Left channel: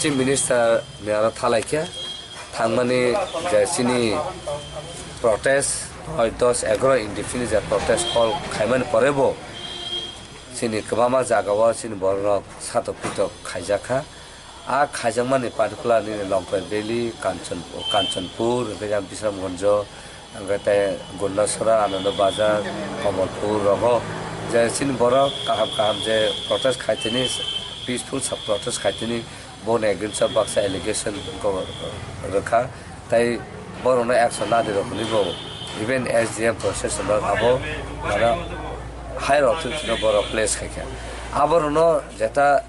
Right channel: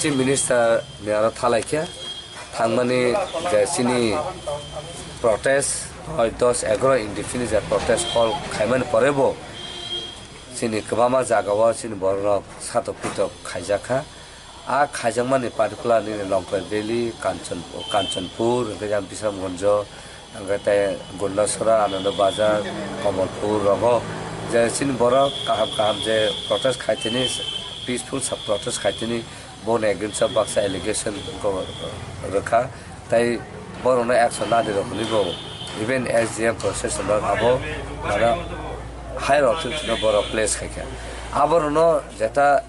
Chief Minister Nara Malailaikha Thangmani Chini protest Hoitos agro indefinite protest call Khaiman Porebo Chini Kabama Zagawa Chini Borok Sato Pito Khaijaka A Khajamani particular in Longpet Valley, Kanchanpur, Gajam Bisram Gonjo, Angate Gundasura, Ananda Bazar, Kamalpur, Rogo, Chini Borok Kaham Je protest Khaitinis, peaceful sub protest Khaitini. Born against a box allegation go Raka, they born on action not the Nibo, even as the process about above higher option to the place. Abono Zeta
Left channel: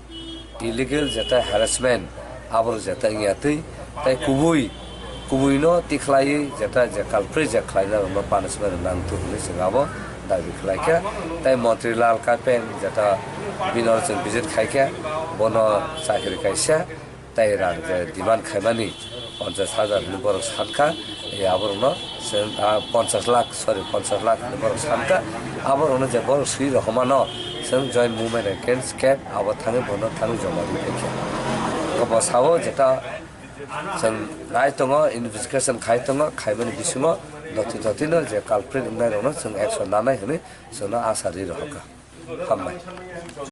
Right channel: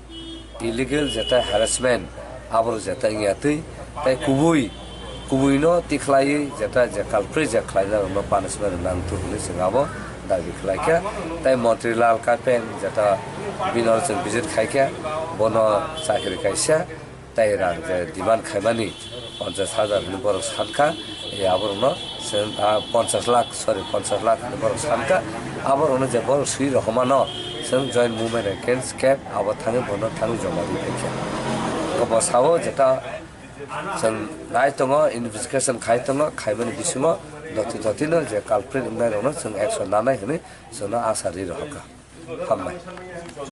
illegal Zeta harassment, Abo Zeta Yati, they Kubuino, Tiklai, Zeta, the culprit, the Kleiner, no punishment, and none to listen abo, David they Montreal Capen, Zeta. Binors and visit Kaika, Bono Sakrikaisha, Tairan, the demand Kaimani, on the Sada number of Sanka, Aborno, Ponsas Lak, number of Sanka, Aborno, the Bor Sri Romano, some joint movement against Cap, our Tanabono Tanujoma. Kaposao, Jeta, some Naitongo, investigation Kaitongo, Kaimani Bisumo, Dotino, the culprit in Nairono, some extra Nana, so no Asari Roka. Come